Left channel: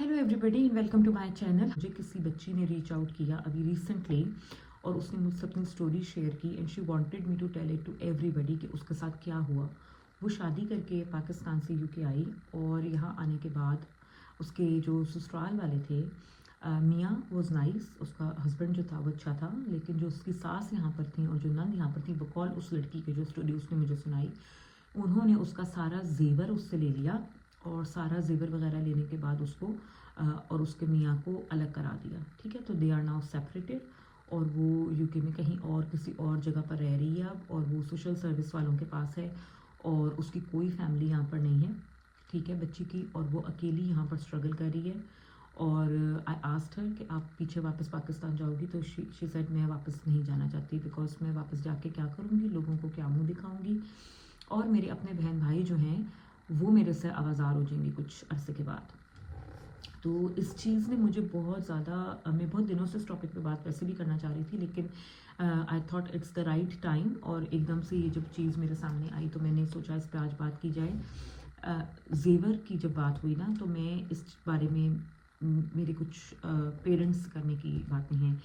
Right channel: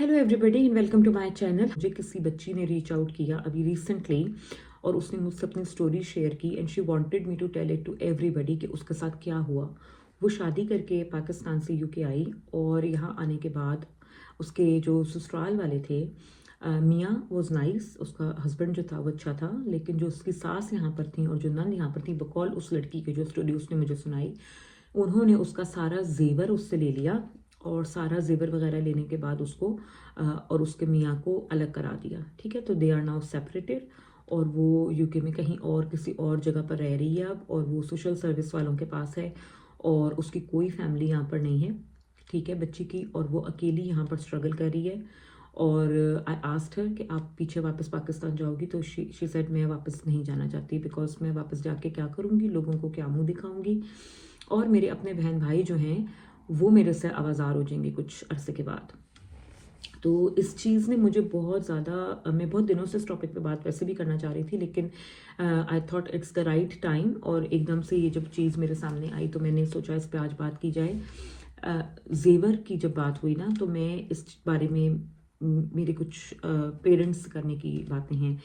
Hello everybody and welcome to my channel. मुझे किसी बच्ची ने रीच आउट किया अभी रिसेंटली और उसने मुझसे अपनी स्टोरी शेयर की and she wanted me to tell it to everybody कि उसके साथ क्या हुआ। वो शादी करके पाकिस्तान से यूके आई और यहाँ आने के बाद उसके जो ससुराल वाले थे, मियाँ वॉज नाइस, उसका हस्बैंड जो था वो अच्छा था, लेकिन जो उसकी सास यहाँ पर थी और जो नन यहाँ पर थी, बकौल उस लड़की की जो स्टोरी उसने मुझे सुनाई, उन्होंने उसका सारा जेवर उससे ले लिया और सारा जेवर वगैरह लेने के बाद उसको और उसके मियाँ को अलग करा दिया। ठीक है, तो दे आर नाउ सेपरेटेड और वो यूके में कहीं और किसी और जगह पर रह रही है अब, और वो सोशल सर्विस वालों के पास है और उसकी कोई फैमिली यहाँ पर नहीं है। ठीक है, बच्ची की, और वो अकेली यहाँ पर स्ट्रगल कर रही है। और आई आस्क्ड हर कि आप पीछे वापस पाकिस्तान जाओगी, तो शी सेड मैं वापस नहीं जाना चाहती, बिकॉज मैं वापस जाके क्या करूँगी, लोगों को क्या मुँह दिखाऊँगी, और मेरे अपने बहन भाई जो हैं वो मेरे से आवाज़ार हो जाएंगे कुछ अरसे के बाद। तो इस चीज़ ने मुझे बहुत ज़्यादा, मैं बहुत दिनों से इस टॉपिक पे बात वैसे भी करना चाह रही थी, लेकिन I thought it's the right time, और एकदम से ये जब चीज़ मेरे सामने आई तो मैंने सोचा इस पे आज बात की जाए। जेवर की जब बात हुई ना, तो मैं इस बारे में मेरे कुछ पेरेंट्स करने की बातें हैं।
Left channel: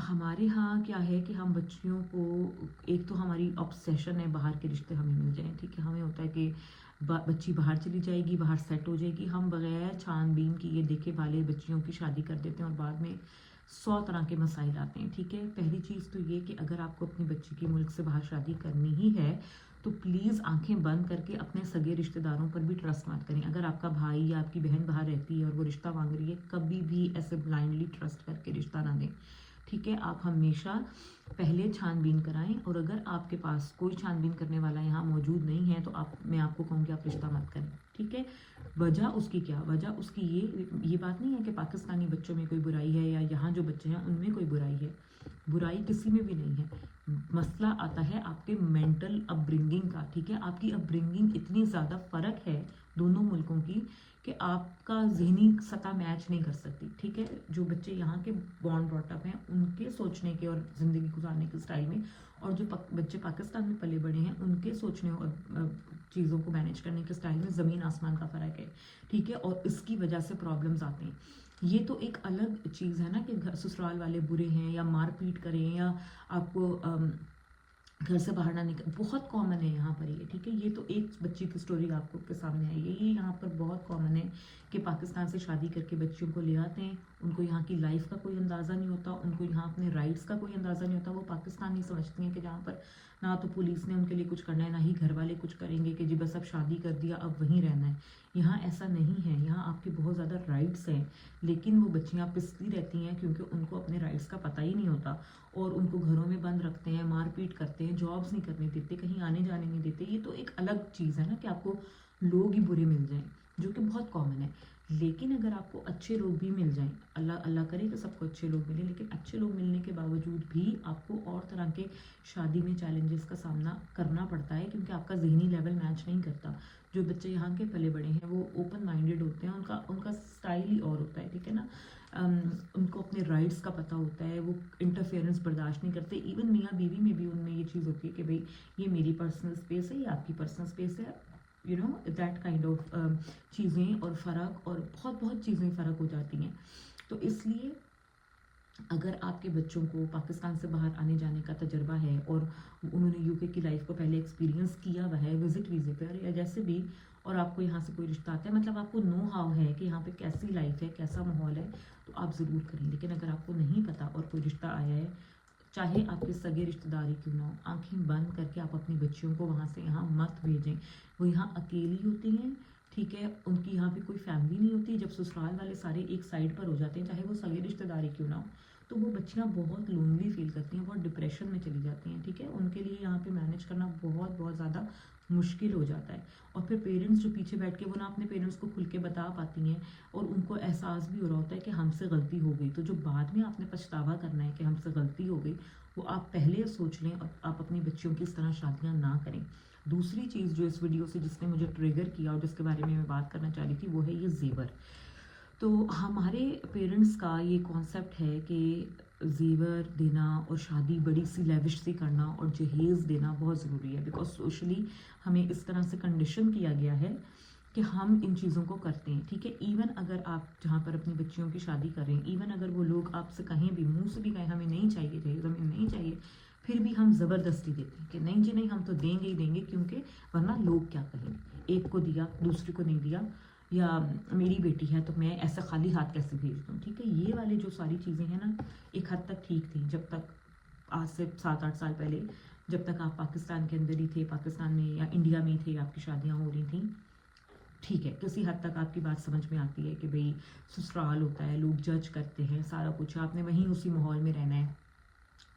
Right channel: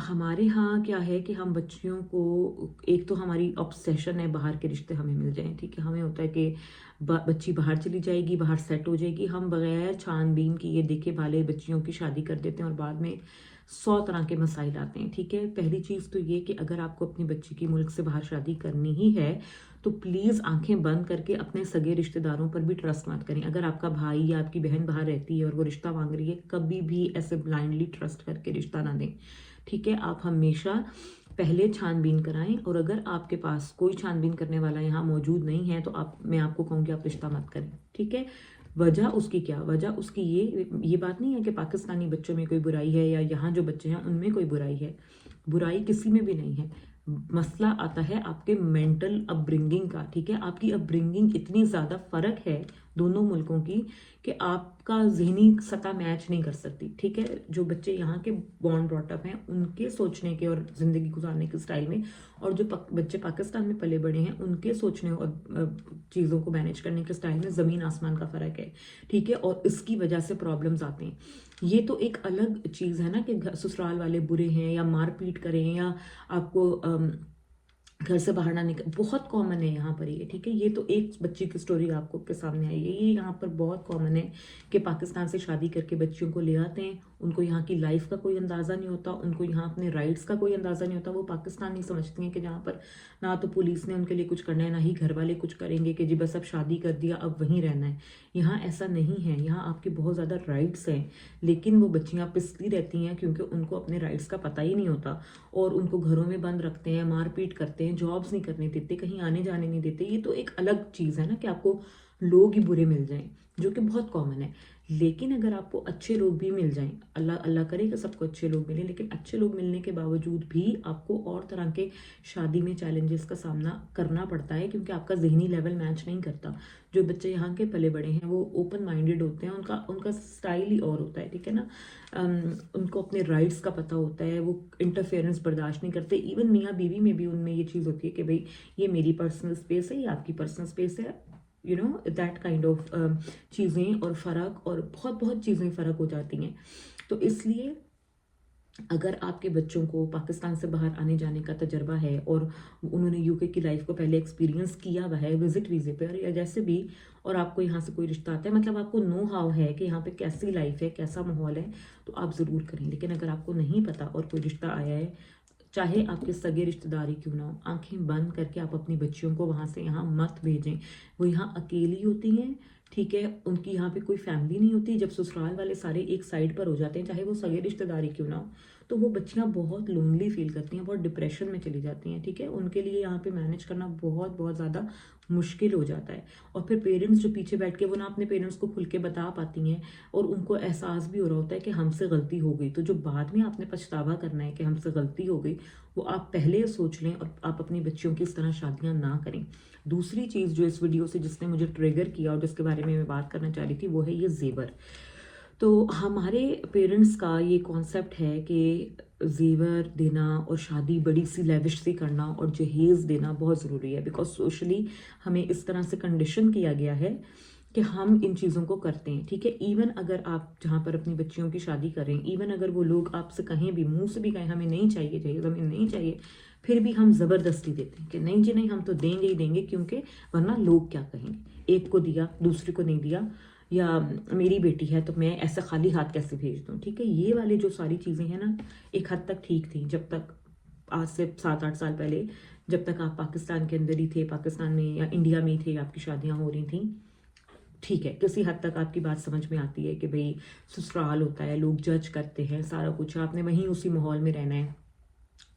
हमारे यहाँ क्या है कि हम बच्चियों को, एक तो हमारी ऑब्सेशन है बाहर के रिश्ते हमें मिल जाएं। ठीक है, हमें होता है कि बच्ची बाहर चली जाएगी, बाहर सेट हो जाएगी, हम बगैर छानबीन किए देखे भाले बच्चियों की शादी कर देते हैं और बाद में 100 तरह के मसाइल आते हैं। ठीक है, पहली चीज़ तो ये कि अगर आपको अपनी बच्ची की मुल्क से बाहर शादी करनी ही है तो प्लीज़ आंखें बंद करके अपने सगे रिश्तेदारों पर भी ट्रस्ट मत करें। अगर आपका भाई या आपकी बहन बाहर रहती है और वो रिश्ता मांग रही है, कभी भी ऐसे ब्लाइंडली ट्रस्ट करके रिश्ता ना दें। ठीक है, आप हमेशा पहले छानबीन कराएं, और अगर आपके पास कोई छानबीन करने वाला यहाँ मौजूद नहीं है तो मैं आपको कहूँगी आप रिश्ता मत करें। ठीक है, वजह उसकी क्या, वजह उसकी ये बात नहीं है कि पाकिस्तानी बच्चों में कोई बुराई है या यहाँ जो बच्चे हैं उनमें कोई बुराई है, बुराई किसी में भी नहीं है। मसला आता है आपके मेंटल अपब्रिंगिंग का। ठीक है, आपकी अपब्रिंगिंग इतनी ज़्यादा फ़र्क है दोनों मुल्कों की कि आपका जहनी सतह मैच नहीं कर सकती। ठीक है, जो बच्चे यहाँ के बॉर्न ब्रॉटअप हैं उनके सोचने के और ज़िंदगी गुजारने के स्टाइल में, और जो बच्चे पाकिस्तान में पले बड़े हैं उनके सोचने और चीज़ों को मैनेज करने के स्टाइल में ज़मीन आसमान का फ़र्क है। ठीक है, और इसकी वजह से प्रॉब्लम्स आते हैं। ये तो एक अलग चीज़ है ना कि ससुराल वाले बुरे हैं या मारपीट करें या आपको घर से बाहर ना निकल, बहुत कॉमन है यहाँ पर ये। ठीक है, ये तो एक बच्ची की स्टोरी आपको के सामने आई है, ये यहाँ पर बहुत कॉमन है कि पाकिस्तान से शादी करके बच्चियों को ले आते हैं, उनको यहाँ की लाइफ का कोई अंदाज़ा नहीं होता, उनको यहाँ अपने राइट्स का कोई अंदाज़ा नहीं होता। वो पाकिस्तान नहीं समझती हैं कि जहाँ पर ना तो पुलिस ने उनके लिए कुछ करना है, ना ही घर वाले कुछ करेंगे कि जी बस अब शादी कर दिया अब वहीं रहना है। यहाँ ऐसा नहीं है, यहाँ आपके बहुत ज़्यादा राइट्स हैं, लेकिन वो बच्चियाँ पिसती रहती हैं क्योंकि उनको अपने राइट्स का पता ही नहीं होता, और उनको घरों में बंद रखते हैं, मारपीट करते हैं, जॉब्स नहीं करने देते, कहीं आने जाने नहीं देते। ये तो एक अलग चीज़ है ना कि आपको लोग ही बुरे मिल जाएं, जो कि बहुत कॉमन है। लेकिन अगर आपको अच्छे लोग भी मिल जाएं, अल्लाह अल्लाह करे कि सबको अच्छे लोग मिले, लेकिन अच्छे लोग मिलने के बावजूद भी आपको और तरह के शादी में चैलेंजेस का सामना करना पड़ता है क्योंकि आपका जहनी लेवल मैच नहीं करता। जो बच्चे यहाँ के पले बड़े हैं वो ओपन माइंडेड होते हैं, उनका उनका स्टाइल ही और होता है। ठीक है ना, उनको अपने राइट्स का पता होता है, वो इंटरफेरेंस बर्दाश्त नहीं करते। इवन मियाँ बीवी में भी उनमें ये चीज़ होती है कि भाई ये मेरी पर्सनल स्पेस है, ये आपकी पर्सनल स्पेस है, you know that kind of चीज़ें और फ़र्क, और बहुत बहुत चीज़ें फ़र्क हो जाती हैं। तो इसलिए अगर आपके बच्चों को पाकिस्तान से बाहर आने जाने का तजर्बा है और उन्होंने यूके की लाइफ को पहले एक्सपीरियंस किया हुआ है विजिट वीज़े पर या जैसे भी, और आपको यहाँ से कोई रिश्ता आता है, मतलब आपको नो हाउ है कि यहाँ पे कैसी लाइफ है, कैसा माहौल है, तो आप ज़रूर करें। लेकिन अगर आपको नहीं पता और कोई रिश्ता आया है, चाहे आपके सगे रिश्तेदारी क्यों ना हो, आंखें बंद करके आप अपनी बच्चियों को वहाँ से यहाँ मत भेजें। वो यहाँ अकेली होती हैं। ठीक है, उनकी यहाँ पे कोई फैमिली नहीं होती। जब ससुराल वाले सारे एक साइड पर हो जाते हैं, चाहे वो सगे रिश्तेदारी क्यों ना हो, तो वो बच्चियाँ बहुत लोनली फील करती हैं, बहुत डिप्रेशन में चली जाती हैं। ठीक है, उनके लिए यहाँ पे मैनेज करना बहुत बहुत ज़्यादा मुश्किल हो जाता है। और फिर पेरेंट्स जो पीछे बैठ के वो ना अपने पेरेंट्स को खुल के बता पाती हैं और उनको एहसास भी हो रहा होता है कि हमसे गलती हो गई, तो जो बाद में आपने पछतावा करना है कि हमसे गलती हो गई, वो आप पहले सोच लें और आप अपनी बच्चियों की इस तरह शादियाँ ना करें। दूसरी चीज़ जो इस वीडियो से जिसने मुझे ट्रिगर किया और जिसके बारे में मैं बात करना चाह रही थी वो है ये जेवर। तो हमारे पेरेंट्स का ये कॉन्सेप्ट है कि जेवर देना और शादी बड़ी सी लेविश सी करना और जहेज़ देना बहुत ज़रूरी है, बिकॉज सोशली हमें इस तरह से कंडीशन किया गया है کہ ہم ان چیزوں کو کرتے ہیں, ٹھیک ہے. ایون اگر آپ جہاں پر اپنی بچیوں کی شادی کریں, ایون اگر وہ لوگ آپ سے کہیں بھی, منہ سے بھی کہیں ہمیں نہیں چاہیے جہیز, ہمیں نہیں چاہیے, پھر بھی ہم زبردستی دیتے ہیں کہ نہیں جی نہیں, ہم تو دیں گے ہی دیں گے, کیونکہ ورنہ لوگ کیا کہیں گے, ایک کو دیا دوسرے کو نہیں دیا, یا میری بیٹی ہے تو میں ایسے خالی ہاتھ کیسے بھیج دوں, ٹھیک ہے. یہ والے جو ساری چیزیں ہیں نا, ایک حد تک ٹھیک تھیں جب تک, آج سے 7-8 سال پہلے جب تک آپ پاکستان کے اندر ہی تھے, پاکستان میں یا انڈیا میں ہی تھے, آپ کی شادیاں ہو رہی تھیں, ٹھیک ہے, کسی حد تک آپ کی بات سمجھ میں آتی ہے کہ بھئی سسرال ہوتا ہے, لوگ جج کرتے ہیں, سارا کچھ آپ نے وہیں اسی ماحول میں رہنا ہے,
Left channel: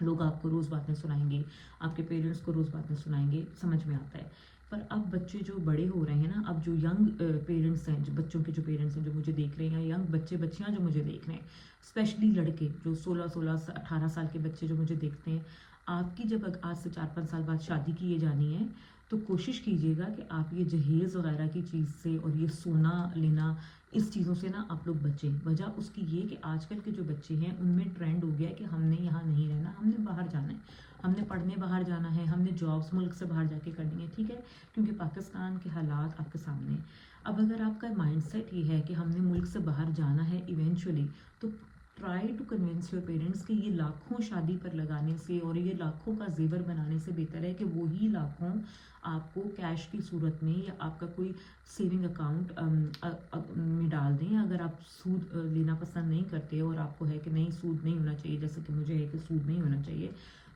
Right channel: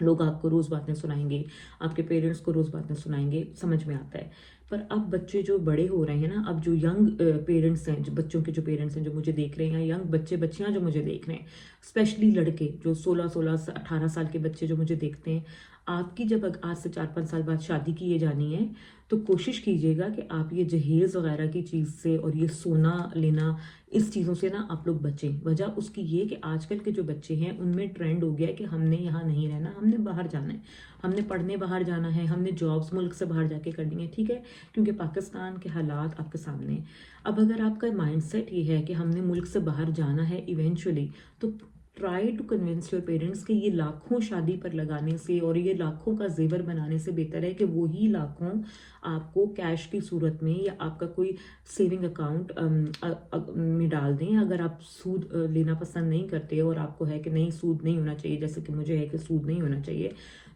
لوگ آپ کو روز باتیں سنائیں گے, آپ کے پیرنٹس کو روز باتیں سنائیں گے, سمجھ میں آتا ہے. پر اب بچے جو بڑے ہو رہے ہیں نا, اب جو ینگ پیرنٹس ہیں, جو بچوں کے جو پیرنٹس ہیں جو مجھے دیکھ رہے ہیں, یا ینگ بچے بچیاں جو مجھے دیکھ رہے ہیں, اسپیشلی لڑکے جو 16-18 سال کے بچے جو مجھے دیکھتے ہیں, آپ کی جب آج سے 4-5 سال بعد شادی کیے جانی ہے, تو کوشش کیجیے گا کہ آپ یہ جہیز وغیرہ کی چیز سے اور یہ سونا لینا, اس چیزوں سے نا آپ لوگ بچیں. وجہ اس کی یہ کہ آج کل کے جو بچے ہیں ان میں ٹرینڈ ہو گیا ہے کہ ہم نے یہاں نہیں رہنا, ہم نے باہر جانا ہے, ہم نے پڑھنے باہر جانا ہے, ہم نے جابس ملک سے باہر جا کے کرنی ہے, ٹھیک ہے, کیونکہ پاکستان کے حالات آپ کے سامنے ہیں. اب اگر آپ کا مائنڈ سیٹ یہ ہے کہ ہم نے ملک سے باہر جانا ہے ایونچولی, تو try to convince your parents کہ یہ لاکھوں شادی پر لگانے سے اور یہ لاکھوں کا زیور بنانے سے بہتر ہے کہ وہی لاکھوں آپ کو کیش کی صورت میں یا آپ کا کوئی سیونگ اکاؤنٹ میں ڈال دیں. اگر آپ سود لینا پسند نہیں کرتے اور آپ کو ہے کہ نہیں سود نہیں ہونا چاہیے, جیسے کہ مجھے ہے کہ سود نہیں ہونا چاہیے,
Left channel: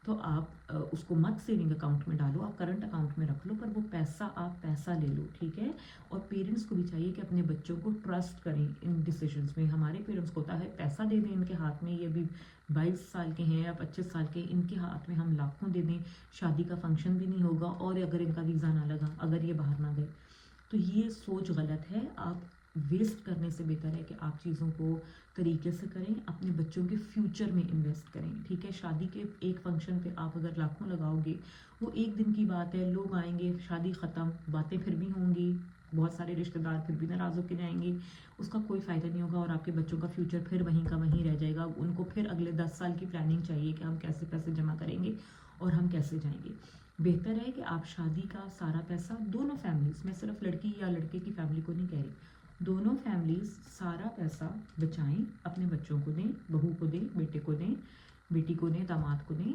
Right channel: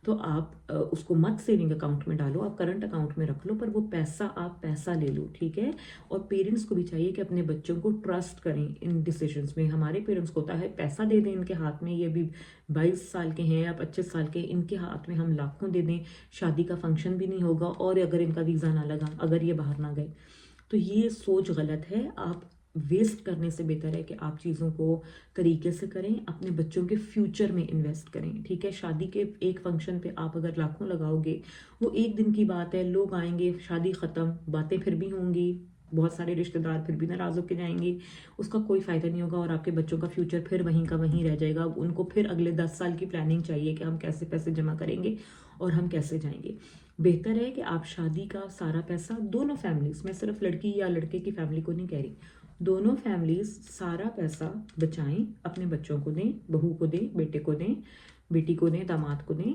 تو آپ اس کو مت سیونگ اکاؤنٹ میں ڈالو, آپ کرنٹ اکاؤنٹ میں رکھ لو, پر وہ پیسہ آپ پیسہ لے لو, ٹھیک ہے. اور پیرنٹس کو بھی چاہیے کہ اپنے بچوں کو ٹرسٹ کریں ان ڈیسیجنس میں. ہمارے پیرنٹس کو ہوتا ہے پیسہ دے دیں ان کے ہاتھ میں, یہ بھی 22 سال کے ہیں یا 25 سال کے, ان کے ہاتھ میں ہم لاکھوں دے دیں, شادی کا فنکشن بھی نہیں ہوگا, اور اگر ان کا ویزا نہ لگا, اگر یہ باہر نہ گئے, تو یہ سوچ غلط ہے. آپ ویسٹ کرنے سے بہتر ہے کہ آپ چیزوں کو طریقے سے کریں, اپنے بچوں کے فیوچر میں انویسٹ کریں, ٹھیک ہے. شادی کے ایک فنکشن پہ آپ اگر لاکھوں لگاؤ گے, وہ ایک دن کی بات ہے, لوگ آئیں گے, شادی ختم, باتیں پھر بھی ہوں گی, بہت سارے رشتہ دار پھر بھی ناراض ہو کے جائیں گے, اس کا کوئی فائدہ نہیں ہوگا, اور آپ کے بچوں کا فیوچر پھر وہیں کا وہیں رہ جائے گا. ان کو پھر اگلے 10 سال کی پلاننگ چاہیے کہ ہم کیسے پیسے جمع کریں گے اور ہم کیسے جائیں گے. بہتر ہے کہ آپ شادی کا سارا پیسہ دونوں فیملیز, میں صرف لڑکی یا لڑکے کی فیملی کو نہیں کہہ رہی, دونوں فیملیز سارا پیسہ بچائیں, اپنے بچوں کو دیں, بہو کو دیں, بیٹے کو دیں, بیٹی کو دیں, داماد کو دیں,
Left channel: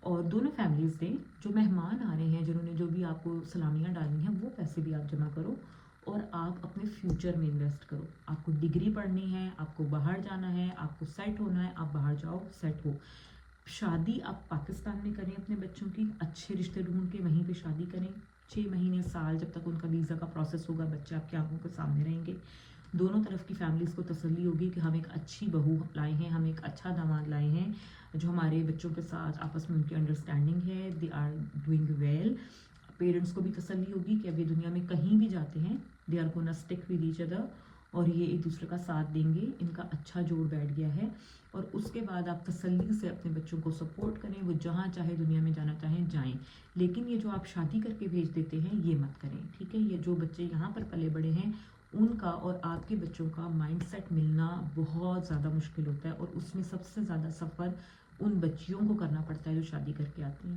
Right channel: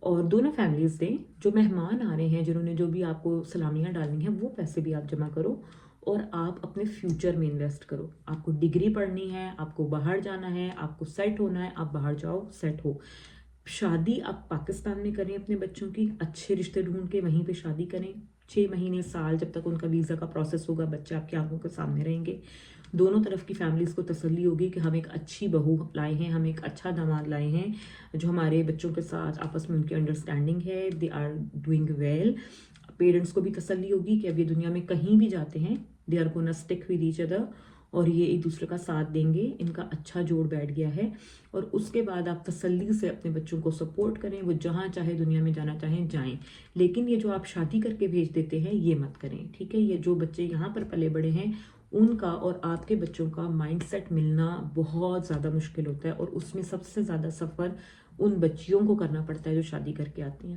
اور دونوں فیملیز دیں. جو مہمان آ رہے ہیں, جنہوں نے جو بھی آپ کو سلامیاں ڈالنی ہیں, وہ پیسے بھی آپ جمع کرو, اور آپ اپنے فیوچر میں انویسٹ کرو. آپ کو ڈگری پڑھنی ہے, آپ کو باہر جانا ہے, آپ کو سیٹ ہونا ہے, آپ باہر جاؤ, سیٹ ہو. شادی آپ پاکستان میں کریں اپنے بچوں کی, اچھے رشتے ڈھونڈ کے وہیں پہ شادی کریں, 6 مہینے سال جب تک ان کا ویزا کا پروسیس ہوگا, بچے آپ کی آنکھوں کے سامنے رہیں گے. دونوں طرف کی فیملیز کو تسلی ہوگی کہ ہم ایک اچھی بہو لائے ہیں, ہم ایک اچھا داماد لائے ہیں, جو ہمارے بچوں کے ساتھ آپس میں ان کی انڈرسٹینڈنگ ہے, they are doing well. Parents کو بھی تسلی ہوگی کہ اب یہ دنیا میں کہیں بھی جاتے ہیں, they are gonna stick with each other, اور یہ ایک دوسرے کا ساتھ دیں گے, ان کا اچھا جوڑ بیٹھ گیا ہے. اور اس کے بعد آپ تسلی سے اپنے بچوں کو سپورٹ کریں, وہ جہاں چاہے دنیا میں جانا چاہیں جائیں, لیکن یہ جو آپ شادی کر کے بھیج دیتے ہیں یہ مت کریں, ٹھیک ہے. یہ جو بچے یہاں پر پلے بڑے ہیں, ان کا اور آپ کے بچوں کا مائنڈ سیٹ ملنا بہت زیادہ مشکل ہوتا ہے, اور اس میں سب سے زیادہ سفر ان بچیوں کو کرنا پڑتا ہے جو شادی کر کے آتی ہیں,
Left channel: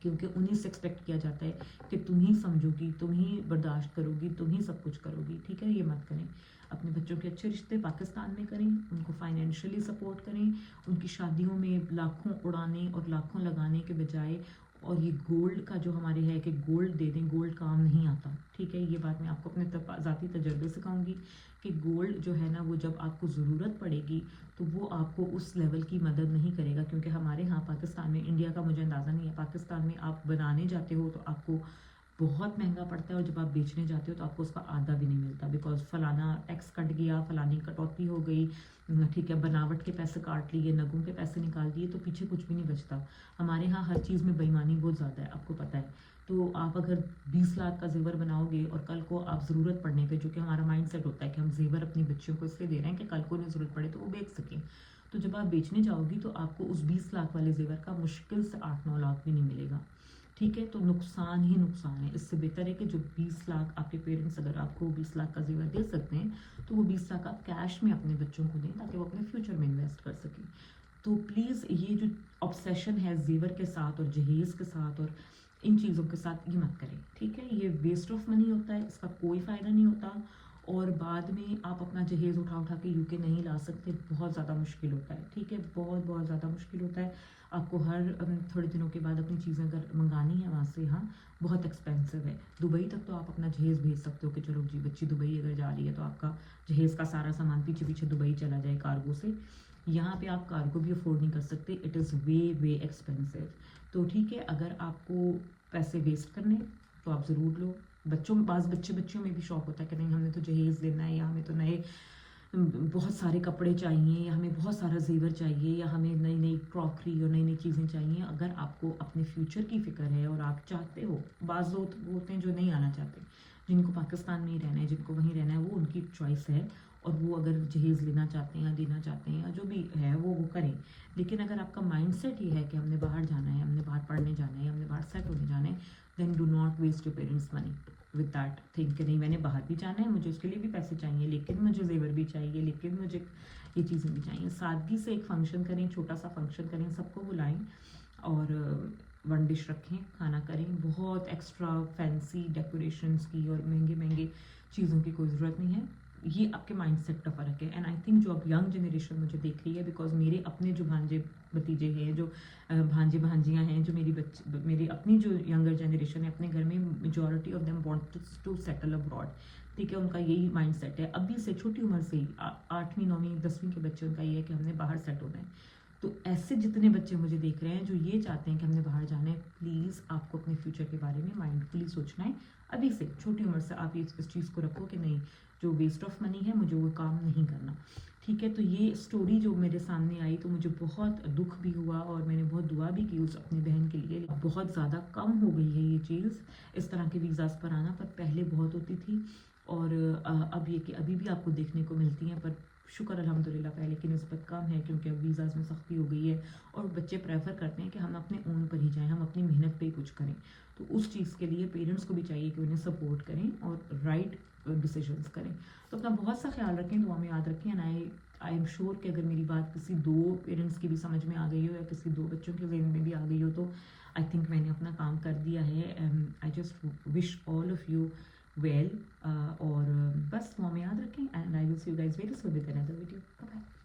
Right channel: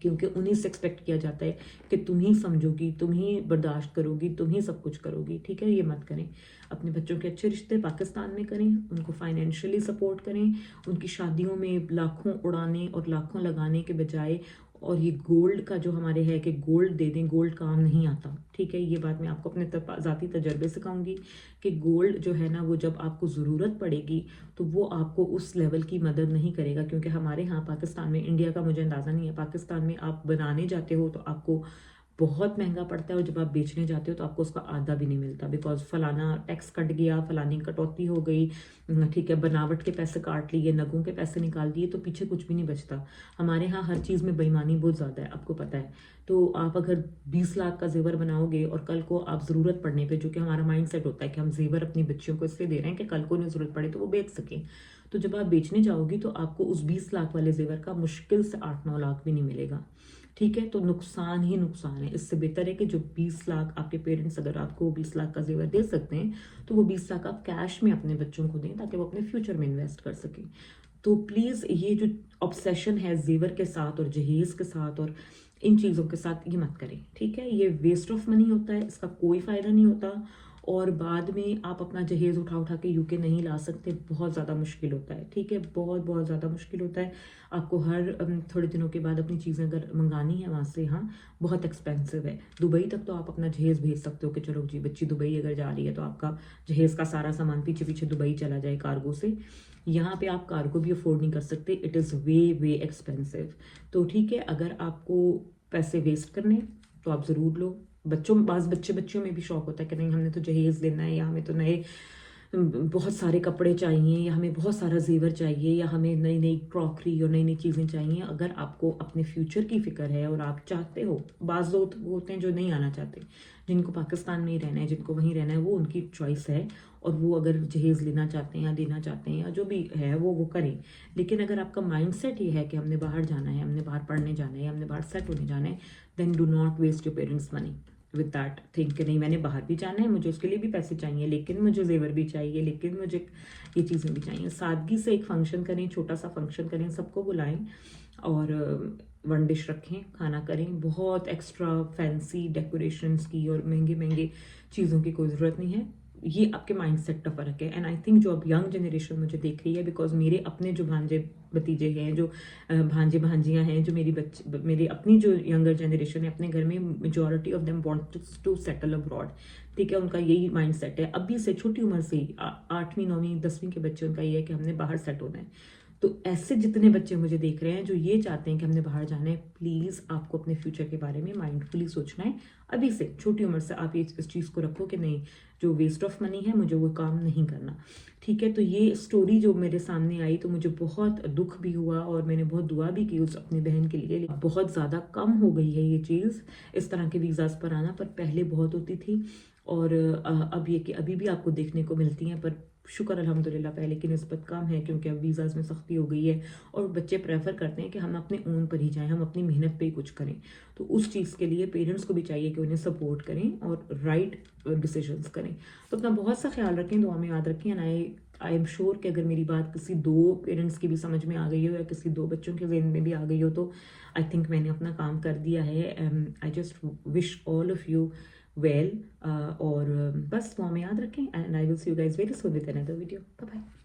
کیونکہ انہیں سے ایکسپیکٹ کیا جاتا ہے کہ تم ہی سمجھو گی, تم ہی برداشت کرو گی, تم ہی سب کچھ کرو گی, ٹھیک ہے. یہ مت کریں. اپنے بچوں کے اچھے رشتے پاکستان میں کریں, ان کو فائنینشلی سپورٹ کریں, ان کی شادیوں میں لاکھوں اڑانے اور لاکھوں لگانے کے بجائے, اور یہ گولڈ کا جو ہمارے ہے کہ گولڈ دے دیں, گولڈ کام نہیں آتا, ٹھیک ہے. یہ بات میں آپ کو اپنے ذاتی تجربے سے کہوں گی کہ گولڈ جو ہے نا, وہ جب آپ کو ضرورت پڑے گی تو وہ آپ کو اس لیول کی مدد نہیں کرے گا, کیونکہ ہمارے ہاں پاکستان میں, انڈیا کا مجھے اندازہ نہیں ہے, پاکستان میں آپ بنانے جاتے ہو تو آپ کو بہت مہنگا پڑتا ہے, اور جب آپ بیچنے جاتے ہو تو آپ کو اس کا آدھا بھی نہیں ملتا, بیکاز فلانا ٹیکس کٹ گیا, فلانی کٹوتی ہو گئی, ٹھیک ہے, بناوٹ کے پیسے کاٹ لیے, نگوں کے پیسے نکال دیے, تو پیچھے کچھ بھی نہیں بچتا. ہمارے ہاں ہر چیز میں بےایمانی بہت زیادہ ہے, آپ کو پتہ ہے. تو آپ اگر 20 لاکھ کا زیور بناؤ گے, اور کل کو آپ ضرورت پڑنے پہ, جو کہ ہمارا مائنڈ سیٹ ہوتا ہے کہ ہم زیور اپنی بچیوں کو اس لیے دے رہے ہیں کہ کل کو انہیں ضرورت پڑے تو وہ بیچ سکیں, تو جب آپ بیچنے جاؤ گی تو آپ کو اس 20 لاکھ والے زیور کا مشکل سے 8-9 لاکھ بھی نہیں ملے گا, ٹھیک ہے. تو نقصان ہی نقصان ہے. اس سے بہتر ہے کہ جو 20 لاکھ آپ کے پیرنٹس اگر آپ کو 20 لاکھ کا زیور دے سکتے ہیں, تو وہ 20 لاکھ آپ کیش میں اپنے بچوں کو دیں, تاکہ وہ اپنے فیوچر میں انویسٹ کر سکیں. تو پلیز یہ جو obsession ہے زیور کے ساتھ اور جہیز کے ساتھ اور इन चीज़ों के साथ ये मत करें, ठीक है। ये वेस्ट ऑफ मनी होता है, इसका कोई फ़ायदा नहीं होता, और बाद में आप अपना जहेज़ उठा उठा के यूके नहीं ला सकते, बहुत ज़्यादा मुश्किल होता है, ठीक है, बहुत बहुत ज़्यादा मुश्किल होता है। आपको हर थोड़े दिनों के बाद अपनी चीज़ें अगर मंगानी है वहाँ से, हाँ बहुत एक्सपेंसिव है। दुबई तक तो आप अपना जहेज़ भेज सकते हो कि चलो जी बच्ची दुबई अगर जा रही है तो आपका जहेज़ का सारा सामान पीछे पीछे दुबई चला जाए कार्गो से। यहाँ पे आप कार्गो भी अफोर्ड नहीं कर सकते, it is way way expensive. तो ठीक है, अगर आपको पैसे वेस्ट करने तो आप ज़रूर लो। बच्चों में भी शौक होता है कि नहीं हमने तो जहेज़ लेना है, या हमें तो नए बहुत सारे कपड़े चाहिए, या हमें बहुत सारा ज़ेवर चाहिए, या हमें नई नई क्रॉकरी और नई नई चीज़ें चाहिए। अगर आपको अपने फ्यूचर की फ़िक्र है और आप चाहते हो, बाज़ लोग होते हैं जो नहीं आना चाहते, जिनको पाकिस्तान में ही रहना है, जिनको वहीं रहना है, वो उनकी चॉइस है, और वो अगर जहेज़ लेना चाहते हैं या देना चाहते हैं या जो भी है वो करें। लेकिन अगर आपका माइंड सेट ये है कि हमने बाहर जाना है, हमने बाहर पढ़ने जाना है, हमने बाहर सेट होने जाना है, then do not waste your parents money with that think कि नहीं मैंने बाहर भी जाना है, मुझे उसके लिए भी पैसे चाहिए, लेकिन मुझे जेवर भी चाहिए, लेकिन मुझे ये चीज़ें भी चाहिए। सादगी से एक फंक्शन करें, छोटा सा फंक्शन करें, सबको बुलाएं और वन डिश रखें, खाना करें। बहुत एक्स्ट्रा फैंसी डेकोरेशंस की और महंगे महंगे चीज़ों की कोई ज़रूरत नहीं है। ये आपके माइंड सेट का फ़र्क है। एंड आई थिंक जो अब यंग जनरेशन मुझे देख रही है, बिकॉज मेरे अपने जो भांजे भतीजे हैं, जो भांजे भांजियाँ हैं, जो मेरी अपनी जो यंगर जनरेशन है, अपने घर में majority of them want to settle abroad, ठीक है। उनका यही माइंड सेट है अभी से, छोटी उम्र से ही, 8वीं 9वीं 10वीं के बच्चे, उनका ये है कि हमने बाहर सेट होना है। तो ऐसे जितने बच्चे मुझे देख रहे हैं जो ये चाहते हैं कि हमने बाहर जाना है, प्लीज़ आपको अपने फ्यूचर के बारे में माइंडफुली सोचना है। अभी से छोटी उम्र से आप ये इस चीज़ को रखो कि नहीं, जो वेस्ट ऑफ मनी है मुझे वो काम नहीं करना, ठीक है। तो ये स्टोरी जो मेरे सामने आई तो मुझे बहुत दुख भी हुआ, और मैंने बहुत दुआ भी की उस अपनी बहन के लिए। बहुत ज़्यादा कम हो गई है ये चीज़, इस तरह के वीज़ाज़ पर आना, पर पहले बहुत होती थी। और अब ये कि अभी भी आपको देखने को मिलती हैं, पर शुक्र अल्हम्दुलिल्लाह पहले की निस्बत कम है, क्योंकि अब वीज़ाज़ में सख्ती हो गई है, और बच्चे प्रेफर करते हैं कि हम अपने ओन पर ही जाएं, हम अपनी मेहनत पे ही कुछ करें। तो उस चीज़ के लिए पेरेंट्स को भी चाहिए कि उन्हें सपोर्ट करें और राइट डिसीजंस करें। तो अपना बहुत सा ख्याल रखें, दुआ में याद रखें। एंड आई एम श्योर कि अगर मेरी बात किसी 2 पेरेंट्स की भी समझ में आ गई हो, या किसी 2 बच्चों के ज़हन में भी आ गई हो, तो आई थिंक मैंने अपना काम कर दिया है। I just wish all of you well, और बस दुआ में याद रखें, and I will see you guys very soon with another video. Bye bye.